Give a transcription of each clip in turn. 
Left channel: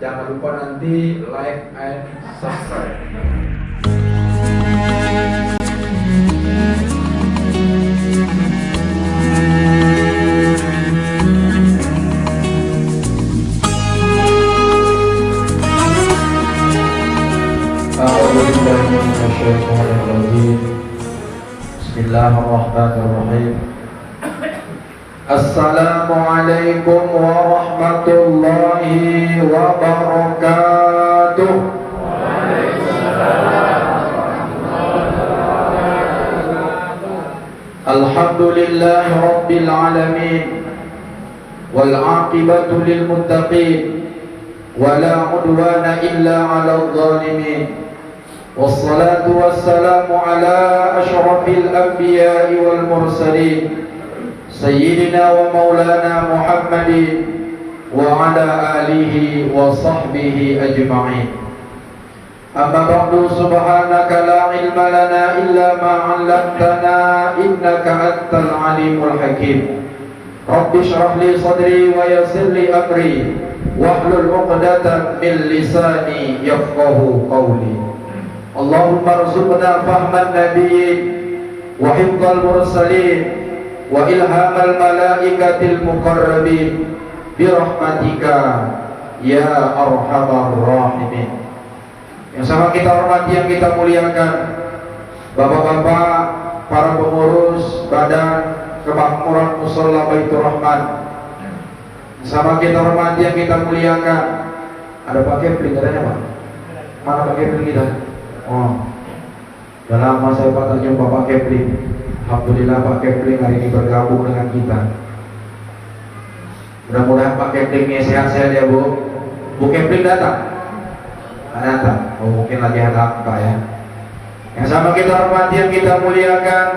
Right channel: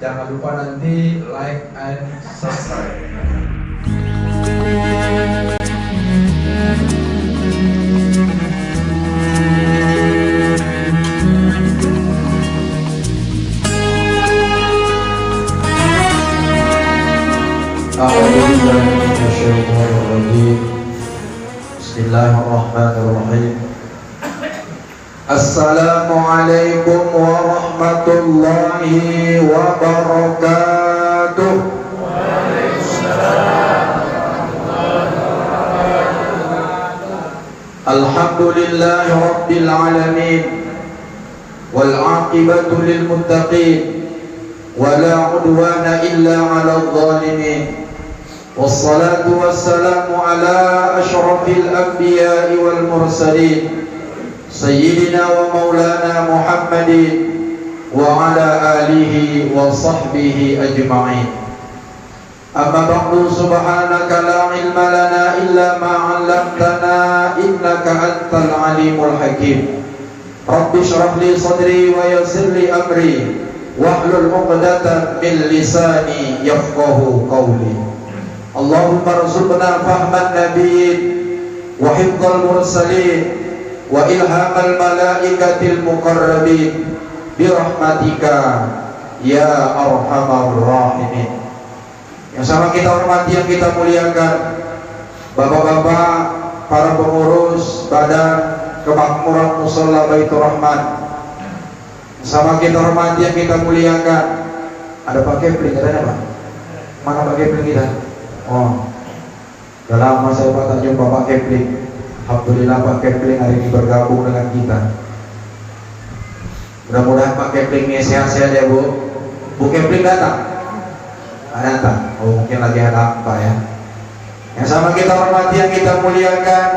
Jangan lupa nanti like and subscribe. Bismillahirrahmanirrahim. Assalamualaikum warahmatullahi wabarakatuh. Alhamdulillahi rabbil alamin, wal aqibatu lil muttaqin, wala udwana illa 'alal zalimin. Wassalatu wassalamu ala asyrafil anbiya'i wal mursalin, sayyidina wa maulana Muhammadin wa ala alihi wa sahbihi ajma'in. Amma ba'du, subhanaka la ilma lana illa ma 'allamtana innaka antal alimul hakim. Rabbi shrah li sadri wa yassir li amri wahlul 'uqdatam min lisani yafqahu qawli. Allahumma rzuqna fahman nabiyyin wa hifdzal mursalin wa ilhamal malaikatil muqarrabin bi rahmatika ya arhamar rahimin. Yang sama kita hormati, yang kita muliakan, bapak-bapak, para pengurus Badan Kemakmuran Mushola Baitur Rahman. Yang sama kita hormati, yang kita muliakan. Ada Pak Kepling, ada apa? Mana Pak Kepling kita? Oh, udah lama saya tak jumpa Pak Kepling. Alhamdulillah Pak Kepling hari ini bergabung dengan kita. Mudah-mudahan Pak Kepling ini sehat-sehat ya Bu. Bu Kepling datang? Datang. Oh, mungkin lagi ada Pak ya. Yang sama kita hormati, yang kita muliakan,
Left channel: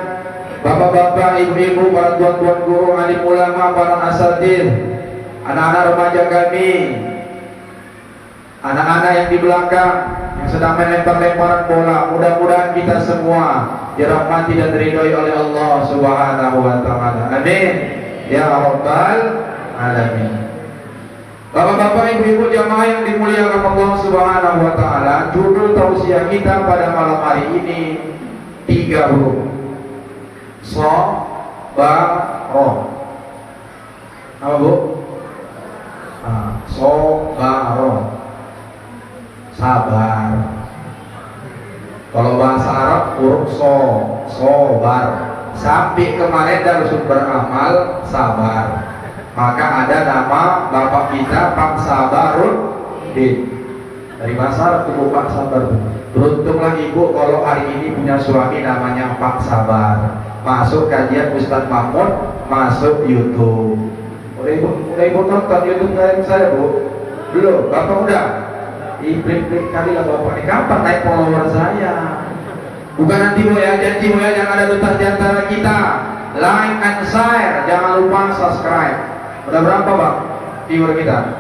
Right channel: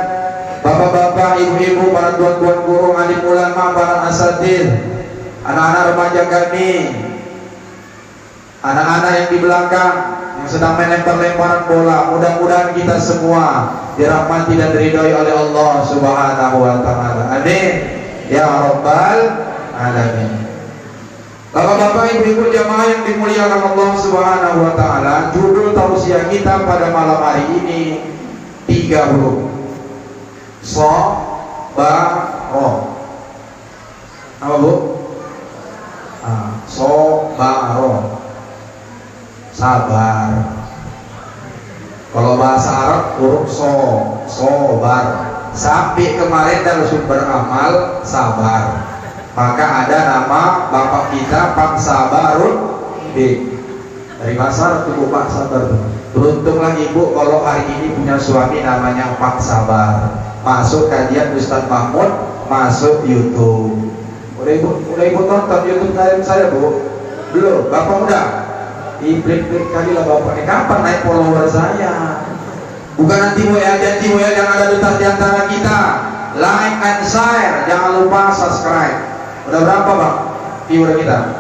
bapak-bapak, ibu-ibu, para tuan-tuan guru, alim ulama, para asatidz, anak-anak remaja kami, anak-anak yang di belakang yang sedang melempar-lemparan bola. Mudah-mudahan kita semua dirahmati dan diridhoi oleh Allah Subhanahu wa taala. Amin ya rabbal alamin. Bapak-bapak, ibu-ibu, jamaah yang dimuliakan Allah Subhanahu wa taala, judul tausiah kita pada malam hari ini 3 huruf. Sabaro. Apa Bu? Sabaro. Sabar. Kalau bahasa Arab huruf sobar. Sampai kemarin dari sumber amal sabar. Maka ada nama bapak kita Pak Sabaruddin. Dari bahasa Arab Ibu Pak Sabar. Beruntunglah Ibu kalau hari ini punya suami namanya Pak Sabar. Masuk kajian Ustadz Mahmud, masuk YouTube. Udah Ibu tonton YouTube kajian saya Bu? Belum? Bapak udah? Diblik-blik kali lah bapak. Kapan naik follower saya? Bukan nanti janji yang ada letak di antara kita. Like and share, jangan lupa subscribe. Udah berapa Bang viewer kita?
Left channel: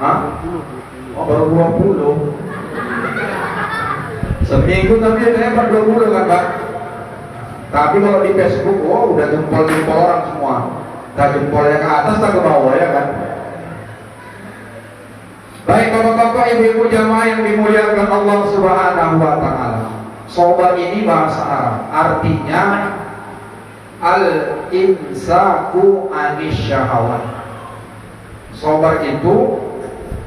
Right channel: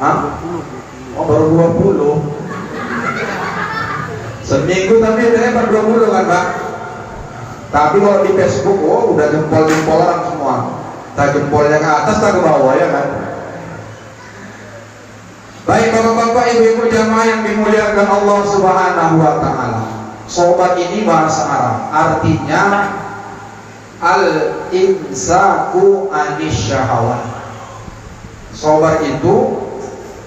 Hah? Oh baru 20. Seminggu tapi hebat 20 kan Bang? Tapi kalau di Facebook, oh udah jempol-jempol orang semua. Tak jempolnya ke atas, tak ke bawah ya kan? Baik bapak-bapak, ibu-ibu, jamaah yang dimuliakan Allah Subhanahu wa taala. Sobat ini bahasa Arab, artinya al-imsaku anis syahwat. Sobat itu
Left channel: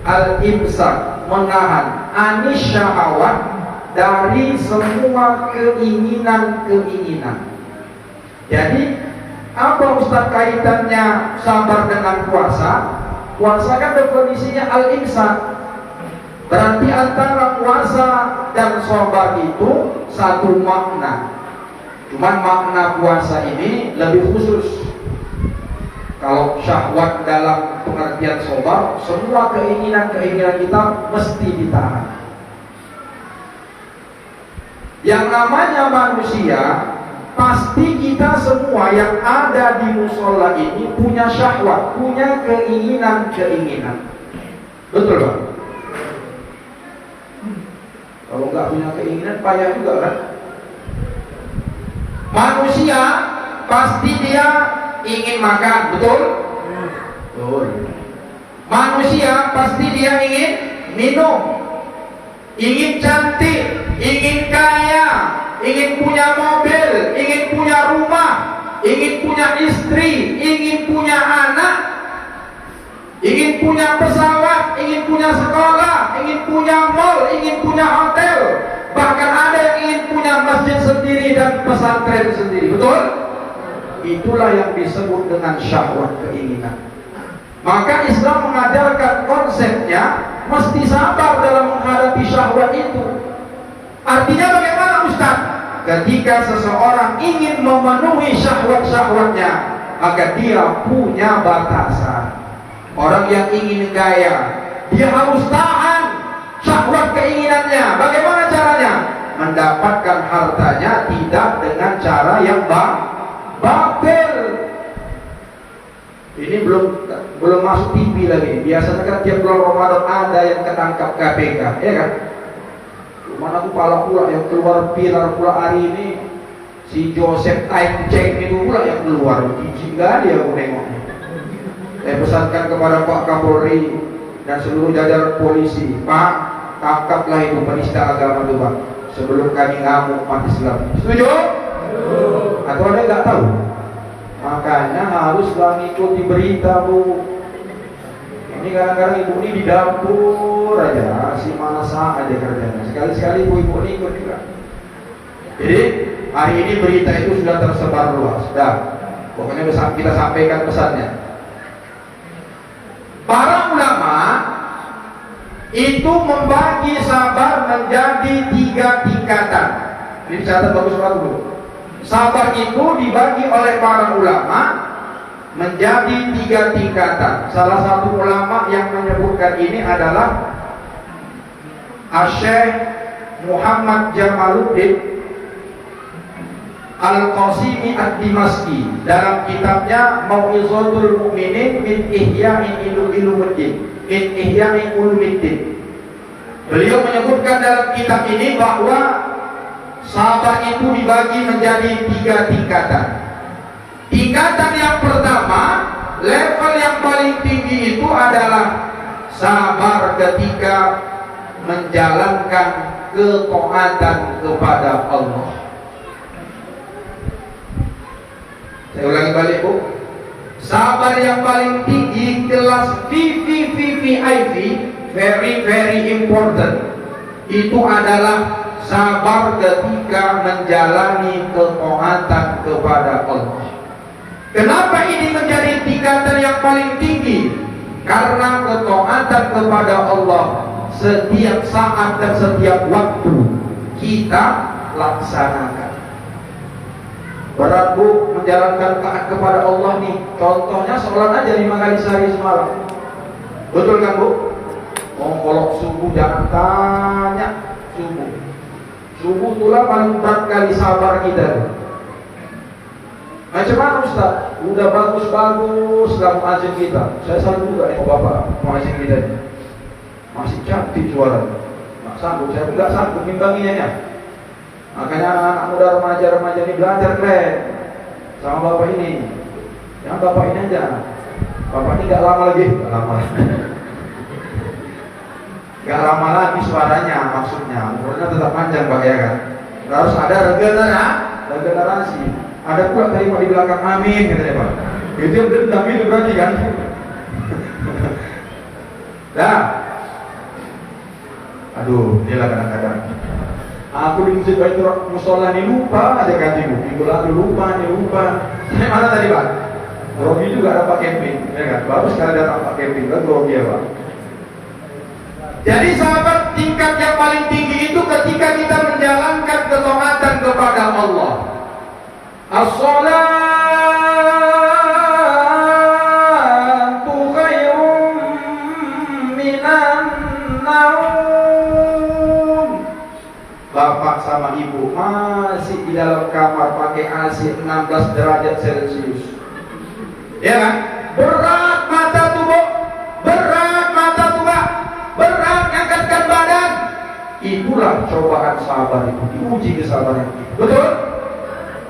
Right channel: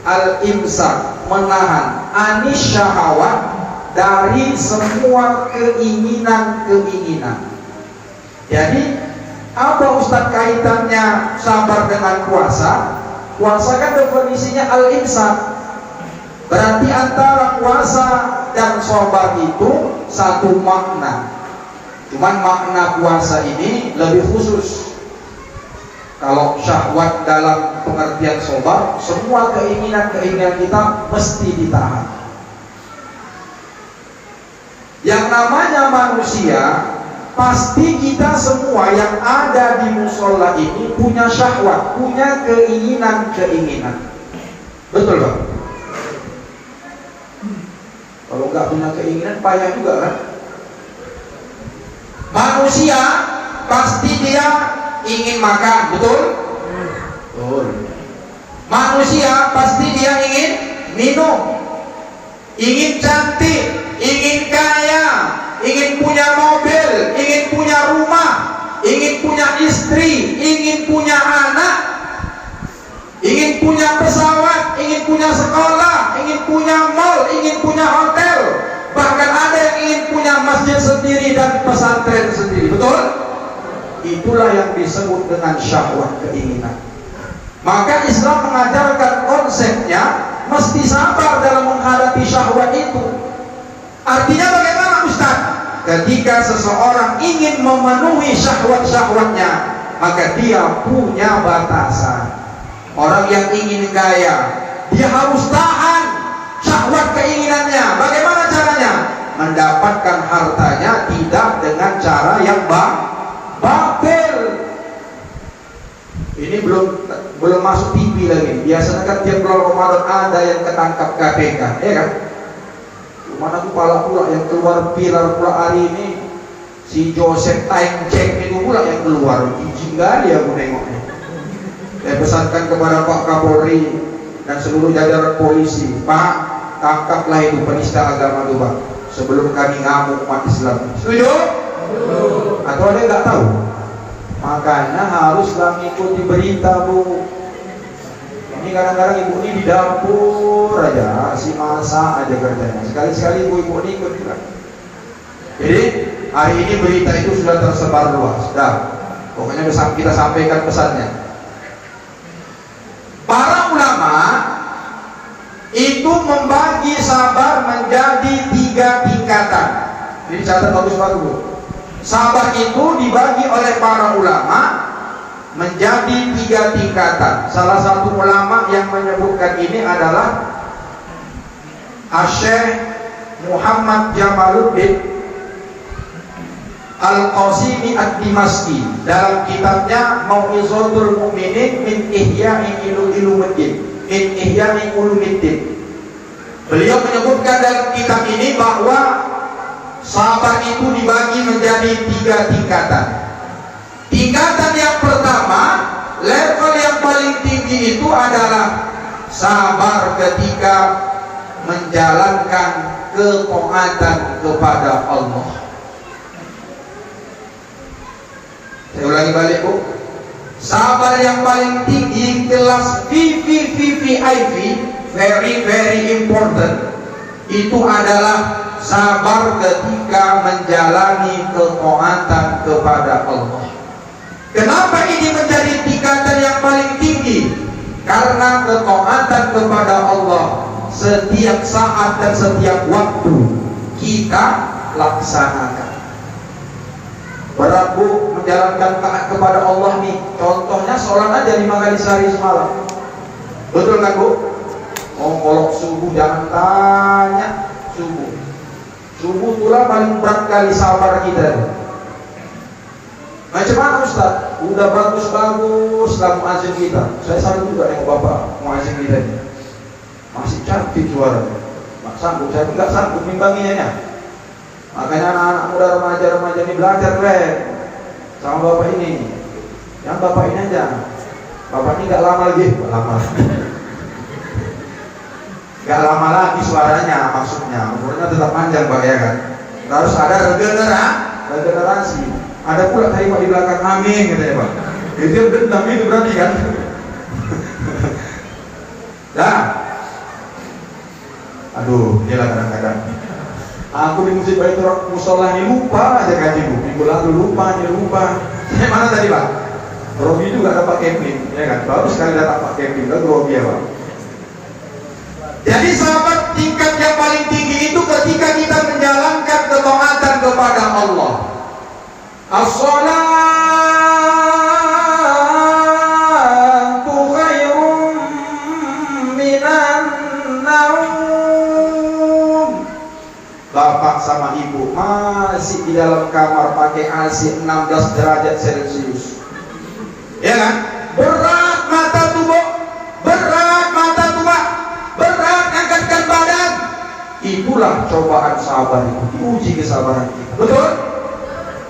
al-imsak, menahan, anis syahwat, dari semua keinginan-keinginan. Jadi apa Ustaz kaitannya sabar dengan puasa? Puasa kan definisinya al-imsak. Berarti antara puasa dan sabar itu satu makna. Cuman makna puasa ini lebih khusus. Kalau syahwat dalam pengertian sabar, semua keinginan-keinginan kita mesti ditahan. Yang namanya manusia, pasti kita semua yang ada di musola ini punya syahwat, punya keinginan-keinginan. Betul Pak? Kalau nggak punya keinginan payah juga kan? Manusia pasti dia ingin makan, betul? Betul. Manusia pasti dia ingin minum, ingin cantik, ingin kaya, ingin punya mobil, ingin punya rumah, ingin punya istri, ingin punya anak, ingin punya pesawat, ingin punya sekolah, ingin punya mall, ingin punya hotel, bahkan ada yang ingin punya masjid sendiri dan pesantren sendiri. Betul? Itulah yang disebut dengan syahwat, keinginan. Maka Islam mengajarkan konsepnya mesti sabar dalam menghadapi syahwat itu. Artinya bagaimana Ustaz? Ketika seseorang ingin memenuhi syahwat-syahwatnya, maka dia punya batasan. Orang yang ingin kaya, dia harus tahan syahwat keinginannya. Bagaimana caranya? Mendapatkan hartanya tidak dengan cara yang batil. Ini belum masuk TV lagi. Biasanya kan tiap bulan Ramadan ada yang ketangkap KPK, ya kan? Mana kepala pula yang keluar pilar pula hari ini, si Joseph Taimceng itu pula yang keluar. Izin kali aku nengoknya. Saya pesankan kepada Pak Kapolri dan seluruh jajaran polisi, Pak, tangkaplah itu penista agama itu, Pak, sebelum kami ngamuk umat Islam. Setuju? Atau ada nggak tahu? Makanya haruslah mengikuti berita, Bu. Ini kadang-kadang ibu ini di dapur aja, si masak aja kerjanya. Sekali-sekali ibu ini ikut juga. Jadi hari ini berita itu sudah tersebar luas. Sudah, pokoknya kita sampaikan pesannya. Para ulama itu membagi sabar menjadi 3 tingkatan. Ini catat bagus-bagus, Bu. Sabar itu dibagi oleh para ulama menjadi 3 tingkatan. Salah satu ulama yang menyebutkan ini adalah Syekh Muhammad Jamaluddin Al-Qasimi Ad-Dimashqi dalam kitabnya Mau'izatul Mu'minin min Ihya'i Ulumuddin. Beliau menyebutkan dalam kitab ini bahwa sabar itu dibagi menjadi 3 tingkatan. Tingkatan yang pertama, level yang paling tinggi itu adalah sabar ketika menjalankan ketaatan kepada Allah. Saya ulangi balik, Bu. Sabar yang paling tinggi, kelas VVVVIP, very important, itu adalah sabar ketika menjalani ketaatan kepada Allah. Kenapa ini menjadi tingkatan yang paling tinggi? Karena ketaatan kepada Allah setiap saat dan setiap waktu kita laksanakan. Berat, Bu, menjalankan taat kepada Allah nih. Contohnya sholat aja 5 kali sehari semalam. Betul kan, Bu? Kalau subuh jangan tanya. Subuh itulah paling berat kali sabar kita. Macam mana Ustaz? Udah bagus-bagus lah muazzin kita. Saya selalu juga yang Bapak muazzin kita ini. Masih cantik suara. Nggak sanggup, saya nggak sanggup mimbanginya. Makanya anak muda remaja-remaja ini belajar keren sama Bapak ini. Yang Bapak ini aja. Bapak ini nggak lama lagi, nggak lama lagi suaranya, maksudnya umurnya tetap panjang, Pak, ya kan? Harus ada regenerasi. Ada pula kalimat di belakang amin, katanya, Pak. Itu dendam itu berarti kan? Dah. Aduh, dia lah kadang-kadang. Aku di masjid Baitur Musola ini lupa aja kajimu. Minggu lalu lupa. Saya mana tadi, Pak? Robi juga dapat camping, ya kan? Baru sekali datang Pak camping, kan Robi ya, Pak. Jadi sahabat, tingkat yang paling tinggi itu ketika kita menjalankan ketaatan kepada Allah. As-salatu khairum minan naum. Bapak sama ibu masih di dalam kamar pakai AC 16 derajat Celcius, ya kan? Berat mata tuh, Bu. Berat angkatkan badan. Itulah cobaan sabar itu, diuji kesabaran kita. Betul?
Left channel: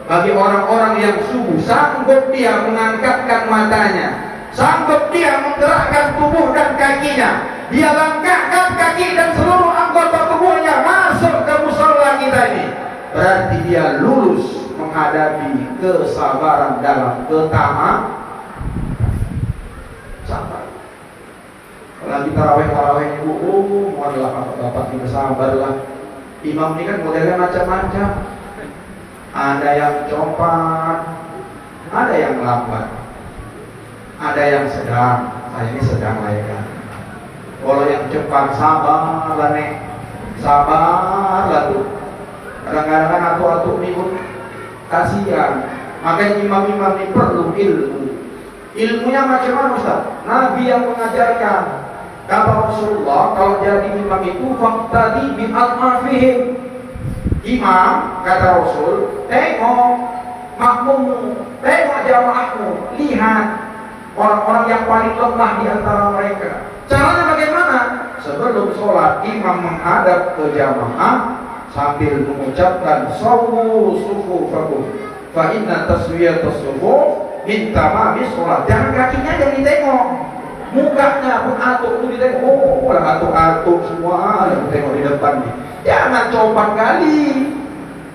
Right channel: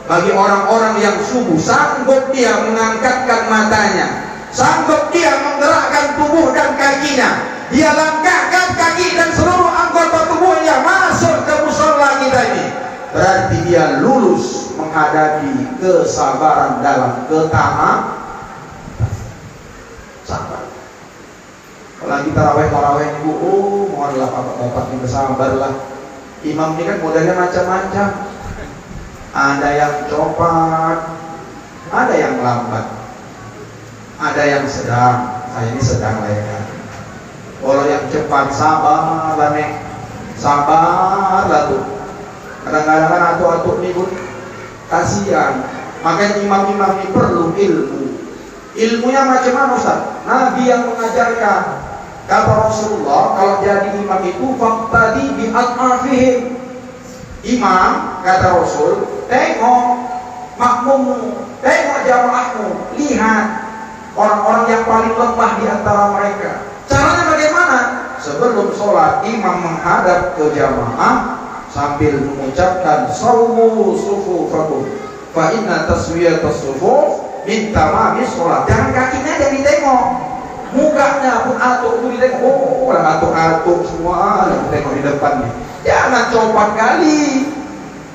Bagi orang-orang yang sungguh sanggup dia mengangkatkan matanya, sanggup dia menggerakkan tubuh dan kakinya, dia langkahkan kaki dan seluruh anggota tubuhnya masuk ke musola kita ini, berarti dia lulus menghadapi kesabaran dalam ketaatan. Sabar. Kalau kita taraweh ibu, mohonlah bapak-bapak ini bersabarlah. Imam ini kan modelnya macam-macam. Ada yang cepat, ada yang lambat, ada yang sedang. Saya ini sedang lah ya. Kalau yang cepat sabar lah nih, sabar lah tuh. Kadang-kadang kan atu-atu nih pun kasihan. Makanya imam-imam ini perlu ilmu. Ilmunya macam mana Ustaz? Nabi yang mengajarkan. Kata Rasulullah, kalau jadi imam itu faqtadi bi al-afihim. Imam, kata Rasul, tengok makmummu, tengok jamaahmu, lihat orang-orang yang paling lemah di antara mereka. Caranya bagaimana? Sebelum sholat, imam menghadap ke jamaah sambil mengucapkan sawu sufufakum fa inna taswiyatas sufuf min tamami sholat. Jangan kakinya yang ditengok, mukanya pun atuk itu ditengok. Oh, lah atuk-atuk semua yang tengok di depan nih. Jangan copat kali.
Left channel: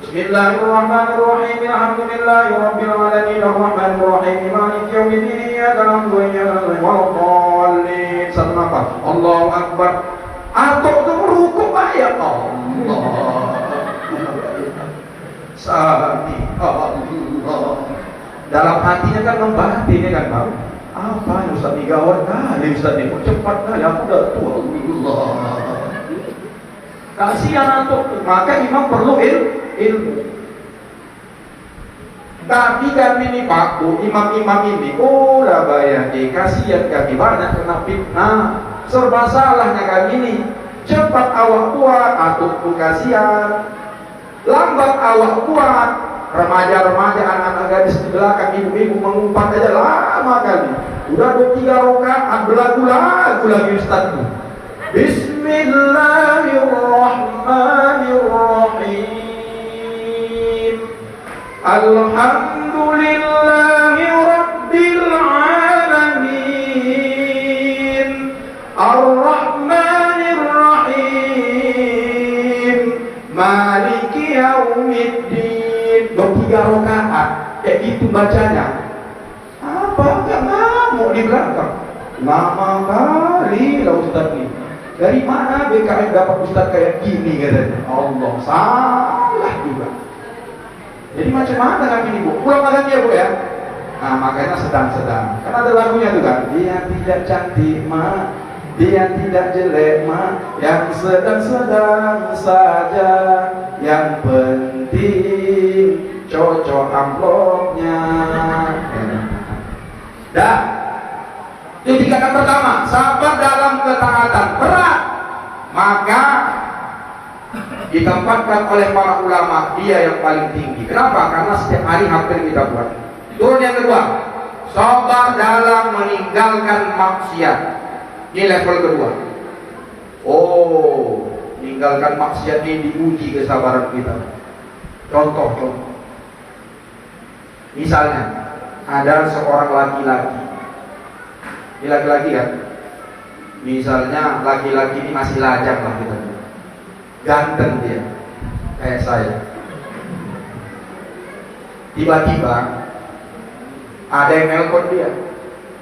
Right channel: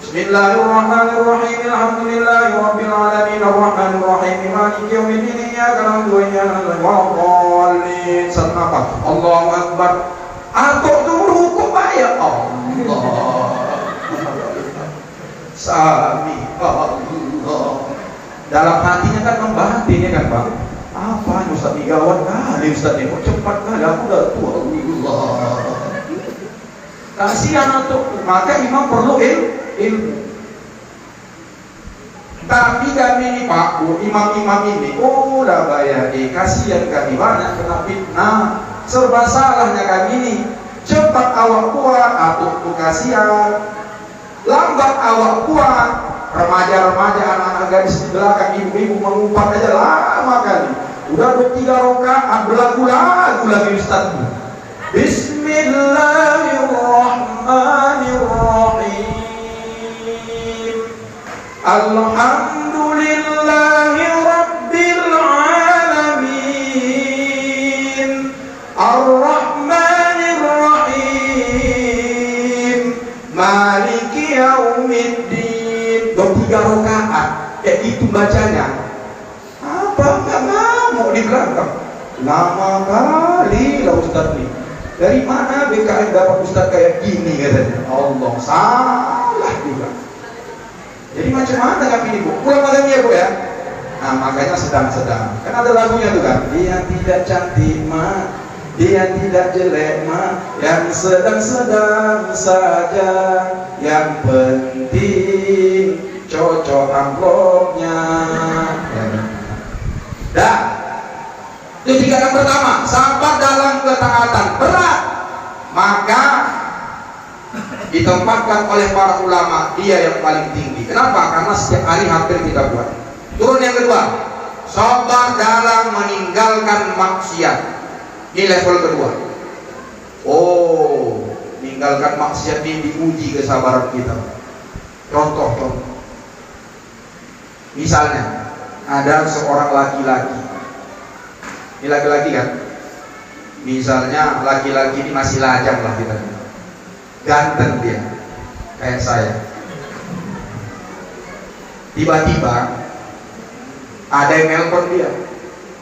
Bismillahirrahmanirrahim. Alhamdulillahirabbil alamin arrahmanirrahim maliki yaumiddin iyyaka na'budu wa iyyaka nasta'in. Sallama Allahu akbar. Atuk itu rukuk ya Allah. Sami Allah. Dalam hatinya kan membatin ya kan Bang. Apa Ustaz ini gawat kali Ustaz ini kok cepat kali aku udah tua Allah. Kasihan atuk, maka imam perlu ilmu. Tapi kami ini Pak, imam-imam ini, oh lah bayar, kasihan kami banyak kena fitnah, serba salahnya kami ini. Cepat awak kuat, atuk tuh kasihan. Lambat awak kuat, remaja-remaja, anak-anak gadis di belakang, ibu-ibu mengumpat aja lama kali. Udah 2-3 rakaat berlagu-lagu lagi Ustaz. Bismillahirrahmanirrahim. Alhamdulillahi rabbil alamin. Ar-Rahmanir-Rahim. Maliki yaumiddin. 2-3 rakaat. Kayak itu bacanya. Apa enggak ngamuk di belakang? Lama kali lah Ustaz nih. Dari mana BKM dapat Ustaz kayak gini katanya? Allah, salah juga. Jadi macam mana kami ini Bu? Pulang makan ya Bu ya? Nah makanya sedang-sedang. Kan ada lagunya tuh kan? Dia tidak cantik mah, dia tidak jelek mah, yang sedang-sedang saja. Yang penting cocok amplopnya. Dah. Itu tingkatan pertama, sabar dalam ketaatan berat, maka ditempatkan oleh para ulama dia yang paling tinggi. Kenapa? Karena setiap hari hampir kita buat. Turun yang kedua, sabar dalam meninggalkan maksiat. Ini level kedua. Oh, meninggalkan maksiat ini diuji kesabaran kita. Contoh. Misalnya ada seorang laki-laki. Ini laki-laki kan, misalnya laki-laki ini masih lajang lah kita, ganteng dia, kayak saya. Tiba-tiba ada yang nelpon dia,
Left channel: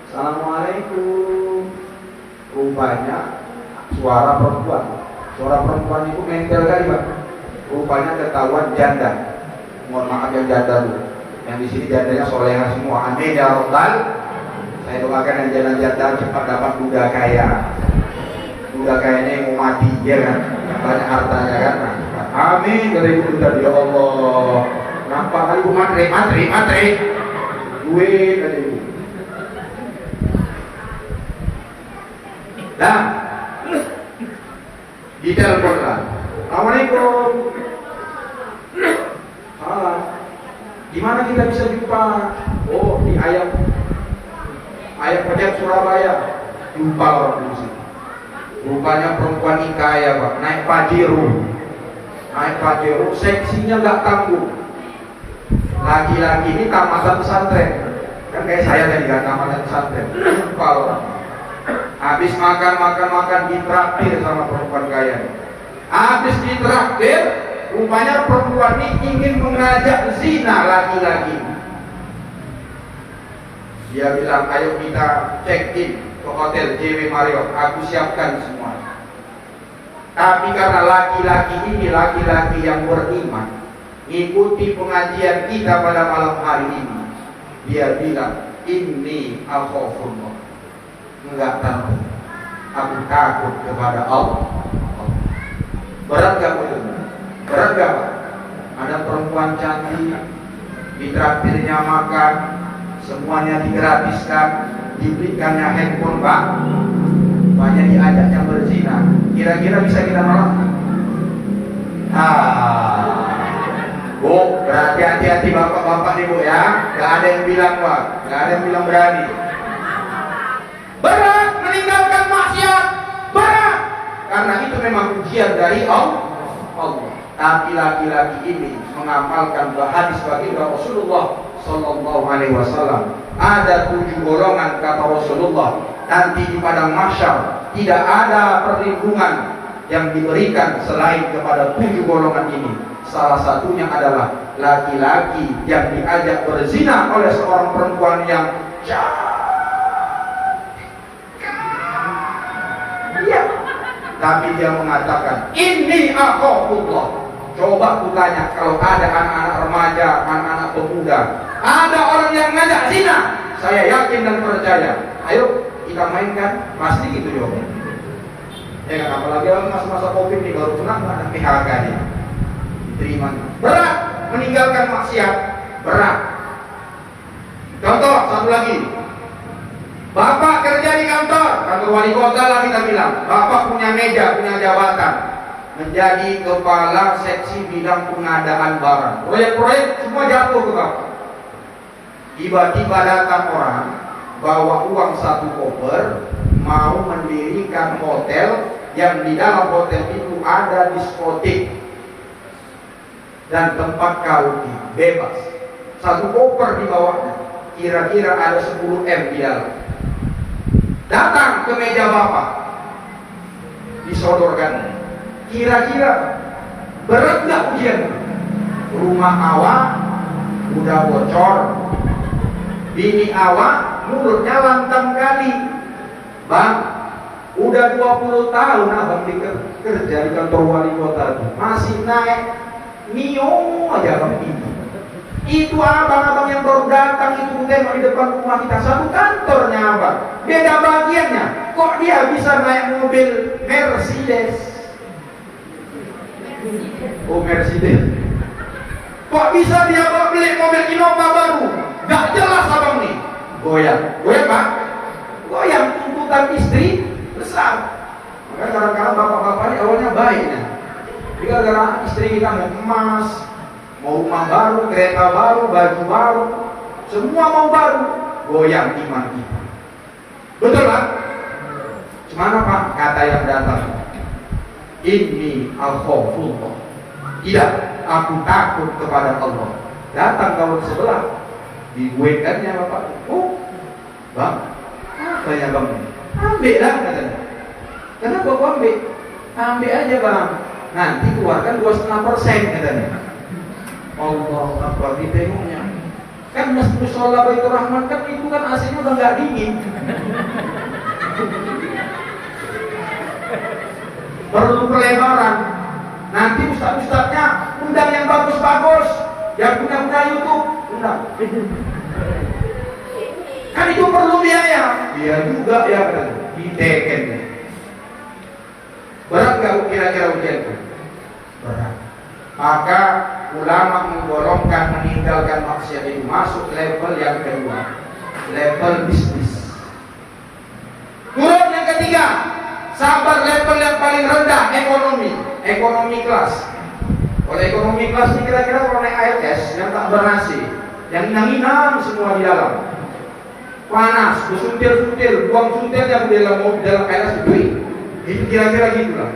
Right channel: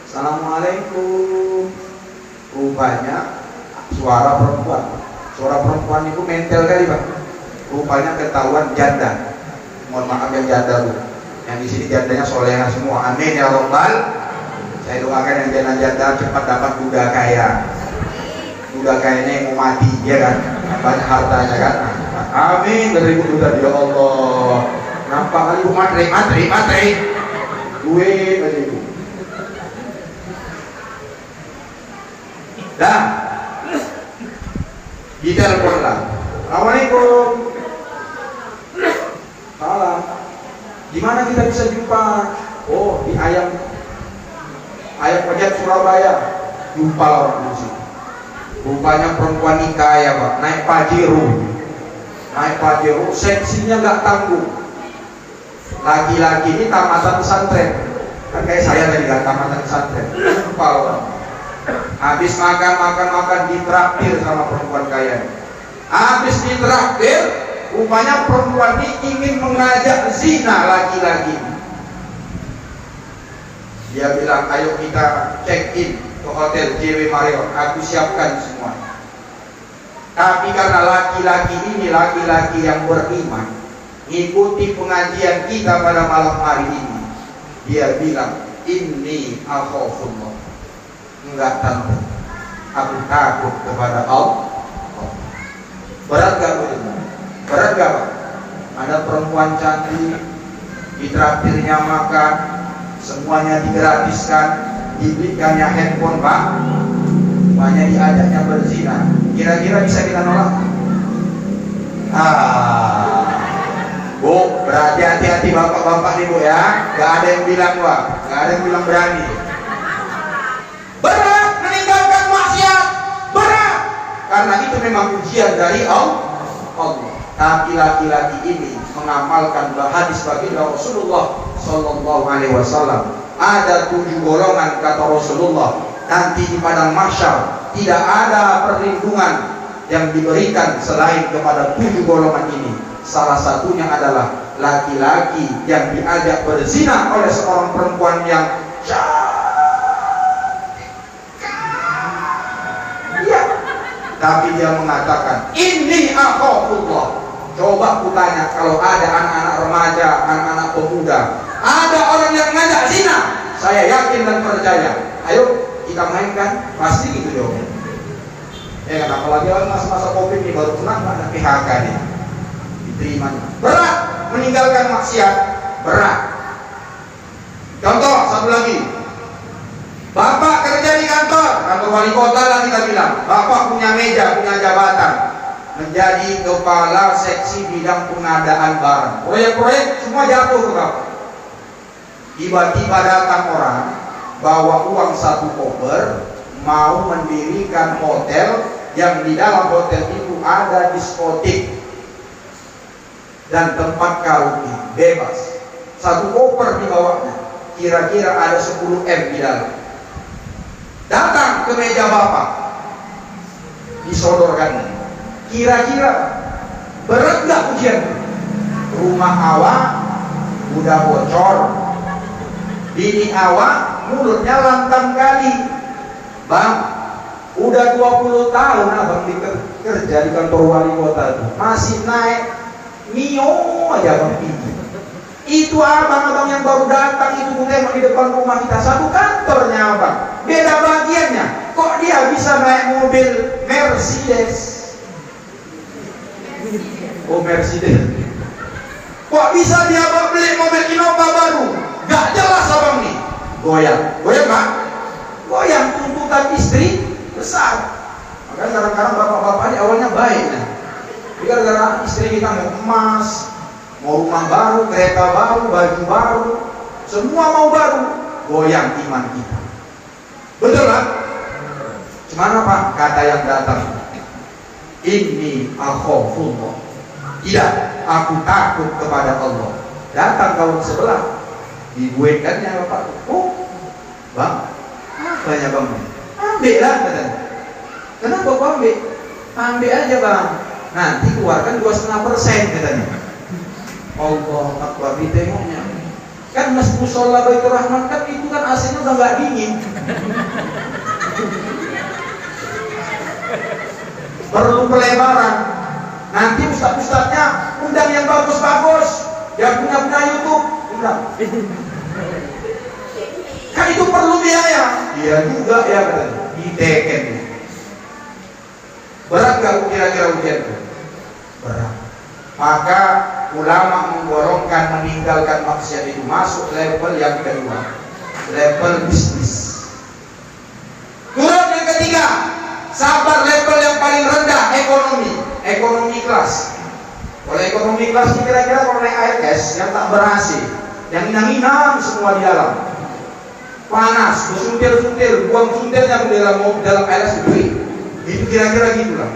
Assalamualaikum. Rupanya suara perempuan itu mental kali Pak. Rupanya ketahuan janda. Mohon maaf yang janda Bu, yang di sini jandanya soleha semua. Amin ya Rabbal. Saya doakan yang janda-janda cepat dapat duda kaya. Duda kayanya yang mau mati, ya kan? Yang banyak hartanya kan? Amin dari ibu tadi ya Allah. Nampak kali ibu matre. Duit aja ibu. Dah. Ditelepon lah. Assalamualaikum. Salam. Gimana kita bisa jumpa? Oh di ayam Pejat Surabaya. Jumpa orang di sini. Rupanya perempuan ini kaya Pak, naik Pajero, seksinya gak tanggung. Laki-laki ini tamatan pesantren, kan kayak saya tadi kan tamatan pesantren. Jumpa orang. Habis makan ditraktir sama perempuan kaya. Habis ditraktir, rupanya perempuan ini ingin mengajak zina laki-laki. Dia bilang, ayo kita check in ke hotel JW Marriott, aku siapkan semua. Tapi karena laki-laki ini laki-laki yang beriman, ikuti pengajian kita pada malam hari ini, dia bilang, inni akhafullah. Enggak, tante, aku takut kepada Allah. Berat gak begitu? Berat gak Pak? Ada perempuan cantik, ditraktirnya makan, semuanya digratiskan, dibelikannya handphone Pak, banyak diajaknya berzina. Kira-kira bisa kita nolak? Bu, berarti hati-hati bapak-bapak nih Bu ya. Gak ada yang bilang Pak, gak ada yang bilang berani. Berat meninggalkan maksiat, berat. Karena itu memang ujian dari Allah. Tapi laki-laki ini mengamalkan hadis baginda Rasulullah Sallallahu Alaihi Wasallam. Ada 7 golongan kata Rasulullah. Nanti di padang mahsyar tidak ada perlindungan yang diberikan selain kepada 7 golongan ini. Salah satunya adalah laki-laki yang diajak berzina oleh seorang perempuan yang tapi dia mengatakan, ini akhafullah. Coba kutanya, kalau ada anak-anak remaja, anak-anak pemuda, ada orang yang ngajak zina, saya yakin dan percaya, ayo kita mainkan, pasti gitu jawabannya. Ya kan, apalagi masa-masa COVID ini baru pulang ada PHK nya, diterima. Berat meninggalkan maksiat, berat. Contoh satu lagi, Bapak kerja di kantor wali kota lah kita bilang. Bapak punya meja, punya jabatan, menjadi kepala seksi bidang pengadaan barang. Proyek-proyek semua jatuh ke Bapak. Tiba-tiba datang orang bawa uang 1 koper, mau mendirikan hotel yang di dalam hotel itu ada diskotik dan tempat karaoke bebas. 1 koper di bawahnya, kira-kira ada 10 M di dalam. Datang ke meja Bapak, disodorkan. Kira-kira berat nggak ujian? Rumah awak udah bocor, bini awak mulutnya lantam kali. Bang, udah 20 tahun abang kerja di kantor wali kota, masih naik mio aja bang itu abang-abang yang baru datang itu tembak di depan rumah kita, satu kantornya abang, beda bagiannya. Kok dia bisa naik mobil Mercedes? Oh Mercedes. Kok bisa dia beli mobil Innova baru? Gak jelas abang nih. Goyang, goyang Pak. Goyang, tuntutan istri besar. Maka kadang-kadang bapak-bapak ini awalnya baik ya. Gara-gara istri kita mau emas, mau rumah baru, kereta baru, baju baru, semua mau baru, goyang iman kita. Betul Pak? Cuman apa? Kata yang datang, inni akhafullah. Tidak, aku takut kepada Allah. Datang kawan sebelah, dibuatkannya Bapak. Oh, Bang, apa ya Bang? Ambil lah katanya. Kenapa kau ambil? Ambil aja Bang. Nanti keluarkan 2,5% katanya. Allah Akbar, ditengoknya kan mushola Baitur Rahman kan itu kan AC-nya udah nggak dingin. Perlu pelebaran. Nanti ustadz-ustadznya undang yang bagus-bagus, yang punya YouTube undang. Kan itu perlu biaya. Iya juga ya katanya. Diteken. Berat gak kira-kira ujian itu? Berat. Maka ulama menggolongkan meninggalkan maksiat itu masuk level yang kedua, level bisnis. Turun yang ketiga, sabar level yang paling rendah, ekonomi kelas. Kalau ekonomi kelas ini kira-kira kalau naik ALS yang tak berhasil, yang inang-inang semua di dalam, panas, suntil-suntil, buang suntilnya di dalam ALS itu, kira-kira gitulah.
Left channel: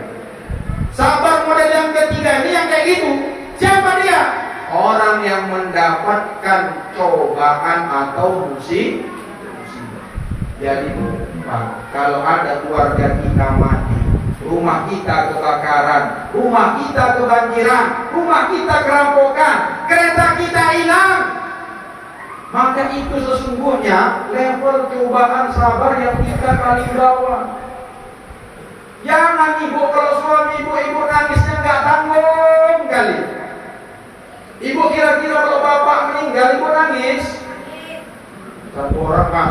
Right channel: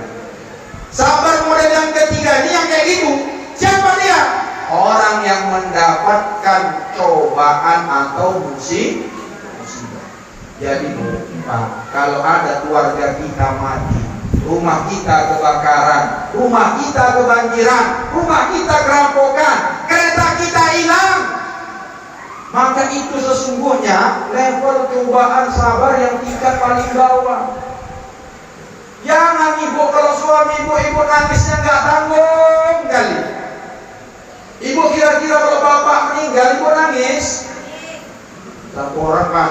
Sabar model yang ketiga ini yang kayak gitu. Siapa dia? Orang yang mendapatkan cobaan atau musibah. Jadi Pak, kalau ada keluarga kita mati, rumah kita kebakaran, rumah kita kebanjiran, rumah kita kerampokan, kereta kita hilang, maka itu sesungguhnya level cobaan sabar yang tingkat paling bawah. Jangan ibu, kalau suami ibu nangisnya nggak tanggung kali. Ibu kira-kira kalau bapak meninggal ibu nangis? Satu orang Pak,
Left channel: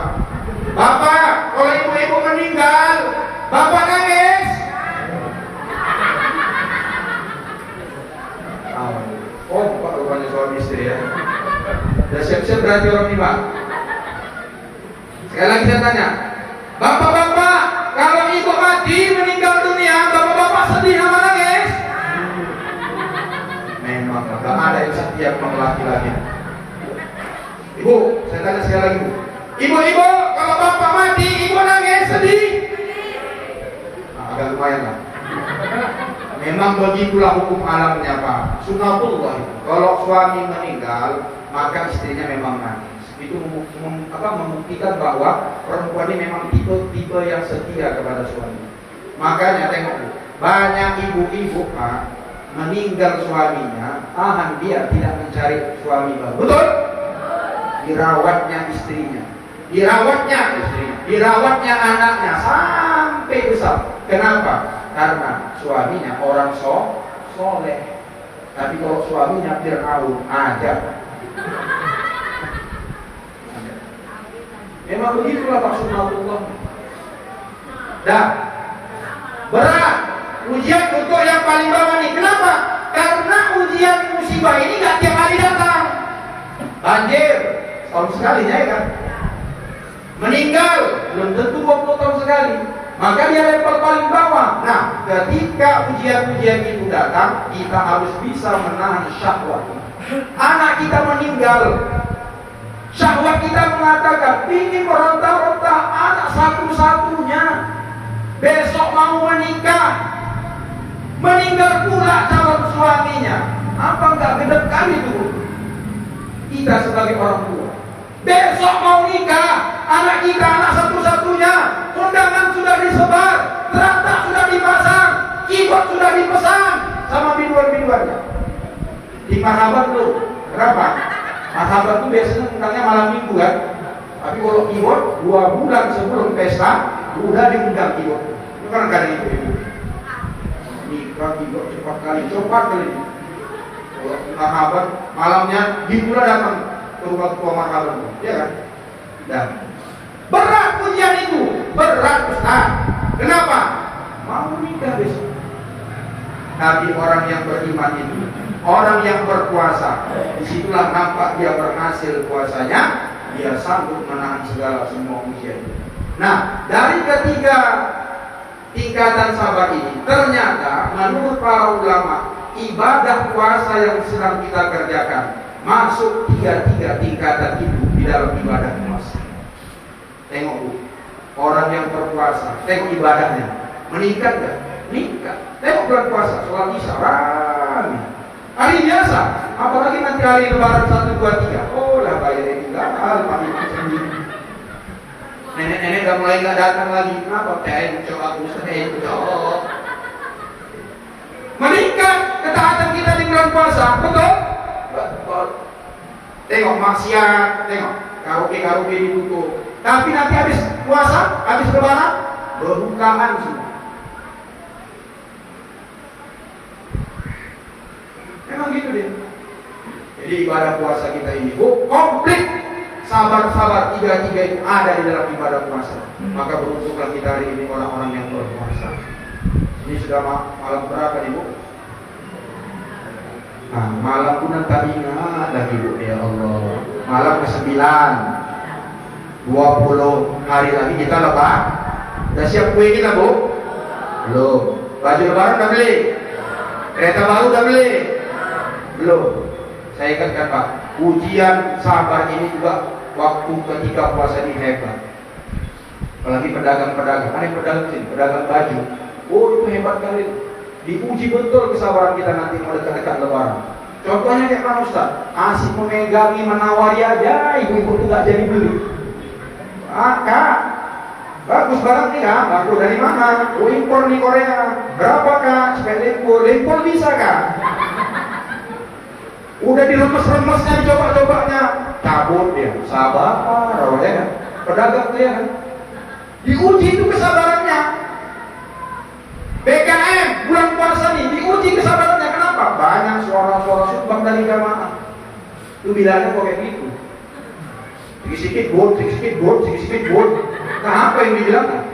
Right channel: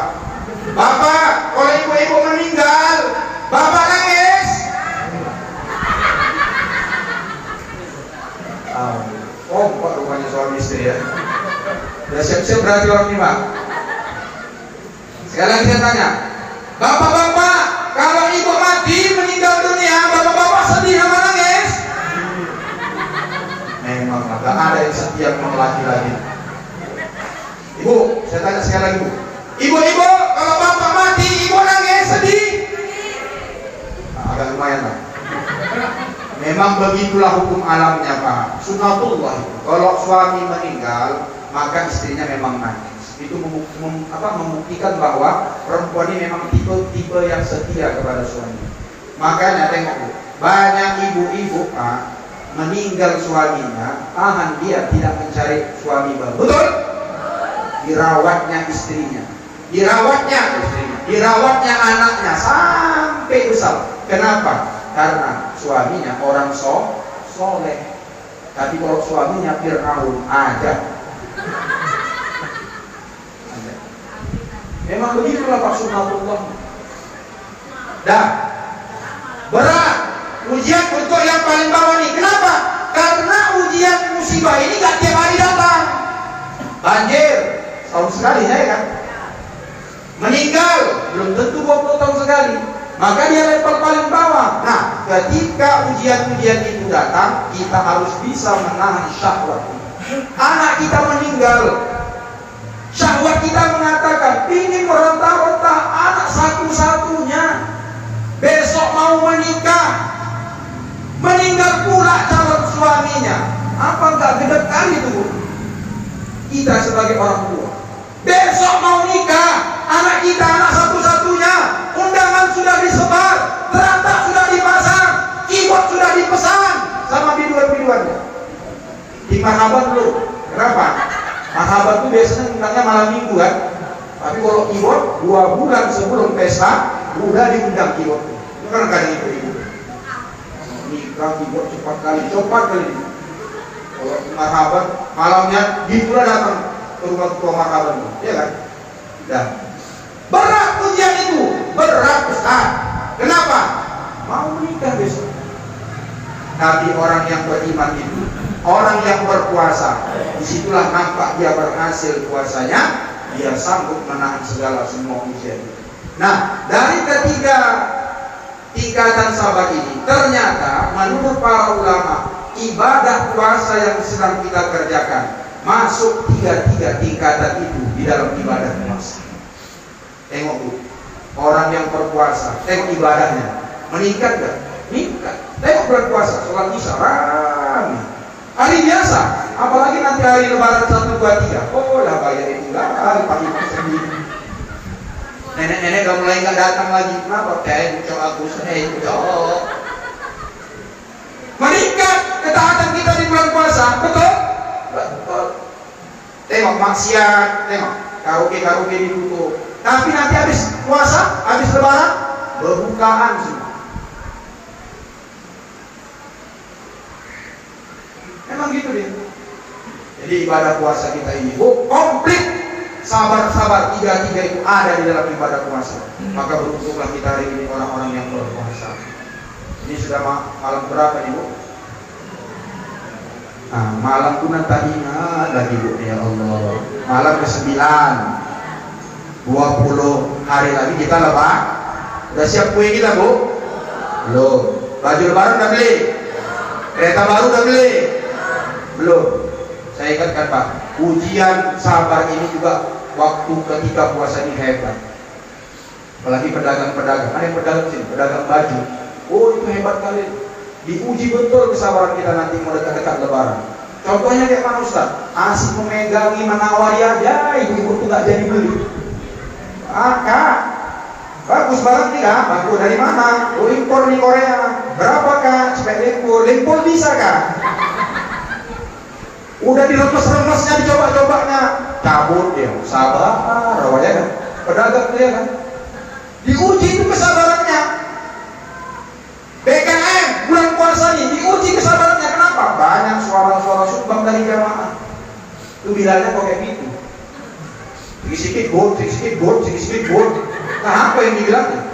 bapak kalau ibu meninggal bapak nangis? Oh Pak, rupanya suami istri ya. Udah siap-siap berarti orang ini Pak. Sekali lagi saya tanya, bapak-bapak kalau ibu mati meninggal dunia, bapak-bapak sedih sama nangis? Memang gak ada yang setia sama laki-laki. Ibu, saya tanya sekali lagi Bu, ibu-ibu kalau bapak mati ibu nangis sedih? Nah, agak lumayan lah. Memang begitulah hukum alamnya Pak, sunatullah. Kalau suami meninggal maka istrinya memang nangis. Itu membuktikan bahwa perempuan ini memang tipe yang setia kepada suami. Makanya tengok Bu, banyak ibu-ibu Pak meninggal suaminya, tahan dia tidak mencari suami baru. Betul? Dirawatnya istrinya, dirawatnya anaknya sampai besar. Kenapa? Karena suaminya orang soleh. Tapi kalau suaminya Fir'aun aja. Memang begitulah Pak sunatullah. Dah berat ujian untuk yang paling bawah nih. Kenapa? Karena ujian musibah ini gak tiap hari datang. Banjir tahun sekali ya kan. Meninggal belum tentu 20 tahun sekali. Maka dia level paling bawah. Nah, ketika ujian-ujian itu datang, kita harus bisa menahan syahwat. Anak kita meninggal, syahwat kita mengatakan ingin meronta-ronta, anak satu-satunya, besok mau menikah, meninggal pula calon suaminya. Apa enggak gede kali itu? Kita sebagai orang tua, besok mau nikah, anak kita anak satu-satunya, undangan sudah disebar, teratak sudah dipasang, keyboard sudah dipesan sama biduan-biduannya. Di Mahabat lu, kenapa? Mahabat itu biasanya undangnya malam minggu kan. Tapi kalau keyboard 2 bulan sebelum pesta udah diundang keyboard. Itu kan kali itu ibu. Nikah keyboard cepat kali. Kalau Mahabat malamnya pula datang ke rumah ketua Mahabat, ya kan? Dan berat ujian itu, berat Ustaz. Kenapa? Mau nikah besok. Tapi orang yang beriman itu, orang yang berpuasa, disitulah nampak dia berhasil puasanya, dia sanggup menahan segala semua ujian. Nah, dari ketiga tingkatan sabar ini, ternyata menurut para ulama, ibadah puasa yang sedang kita kerjakan masuk tiga tingkatan itu di dalam ibadah puasa. Tengok Bu, orang yang berpuasa, tengok ibadahnya, meningkat gak? Meningkat. Tengok bulan puasa, sholat isya rame. Hari biasa, apalagi nanti hari lebaran 1, 2, 3. Oh lah bayar itu lah, hari sendiri. Nenek-nenek udah mulai nggak datang lagi. Kenapa? Kayak bucok Agustus, bucok. Meningkat ketaatan kita di bulan puasa, betul? Betul. Tengok maksiat, tengok karaoke ditutup. Tapi nanti habis puasa, habis lebaran, berbukaan semua. Memang gitu deh. Jadi ibadah puasa kita ini komplit, sabar-sabar tiga itu ada di dalam ibadah puasa. Maka beruntunglah kita hari ini orang-orang yang berpuasa. Ini sudah malam berapa Ibu? Nah, malam pun tak ingat lagi Bu, ya Allah. Malam ke-9, 20 hari lagi kita lebaran. Udah siap kue kita Bu? Belum. Baju lebaran udah beli? Kereta baru udah beli? Belum. Saya ingatkan Pak, ujian sabar ini juga waktu ketika puasa ini hebat. Apalagi pedagang-pedagang, ada pedagang sini, pedagang baju. Oh itu hebat kali. Diuji betul kesabaran kita nanti mau dekat-dekat lebaran. Contohnya kayak mana Ustaz? Asik memegangi, menawari aja, ibu-ibu itu gak jadi beli. Maka Bagus banget nih kan? Bangku dari mana? Oh, impor di Korea. Berapa kak? Supaya dempul. Dempul bisa kak? Udah diremes-remesnya, dicoba-cobanya, cabut dia. Sabar, ya kan? Pedagang dia kan? Diuji itu kesabarannya. BKM bulan puasa nih diuji kesabarannya. Kenapa? Banyak suara-suara sumbang dari jamaah. Itu bilangnya kok kayak gitu. Sedikit bot. Nah, apa yang dibilang?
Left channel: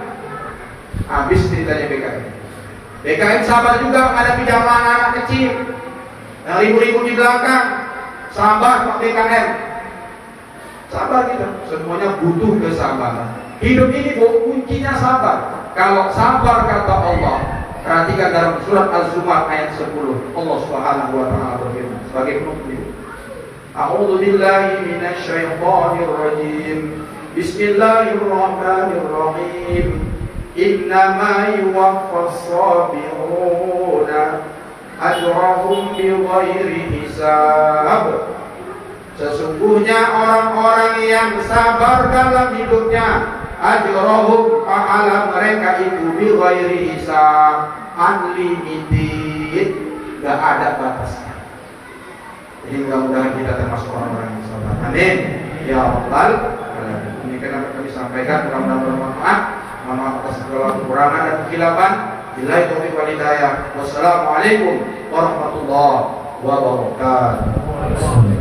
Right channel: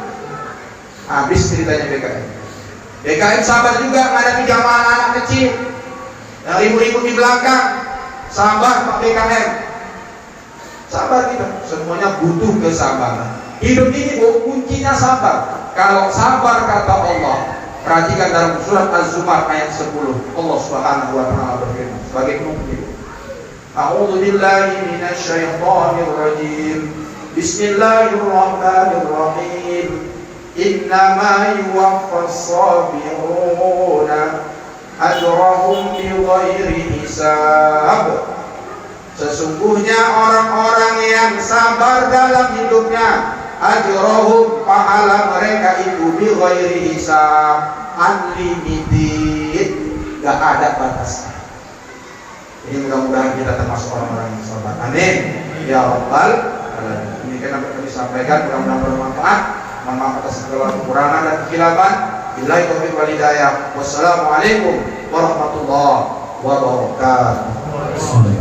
Habis ceritanya BKM. BKM sabar juga menghadapi jamaah anak kecil yang ribut-ribut di belakang. Sabar Pak BKM. Sabar kita. Semuanya butuh kesabaran. Hidup ini kuncinya sabar. Kalau sabar kata Allah, perhatikan dalam surat Az-Zumar ayat 10. Allah Subhanahu wa taala berfirman sebagai penutup. A'udzu billahi minasy syaithanir rajim. Bismillahirrahmanirrahim. Innama yuwaffas sabiruna ajrahum bighairi hisab. Sesungguhnya orang-orang yang sabar dalam hidupnya, ajrahum, pahala mereka itu bighairi hisab, unlimited, gak ada batasnya. Ini mudah-mudahan kita termasuk orang-orang yang sabar. Amin. Ya Rabbal alamin. Ini kan kami sampaikan, mudah-mudahan bermanfaat. Mohon maaf atas segala kekurangan dan kekhilafan. Billahi taufiq wal hidayah. Wassalamualaikum warahmatullahi wabarakatuh.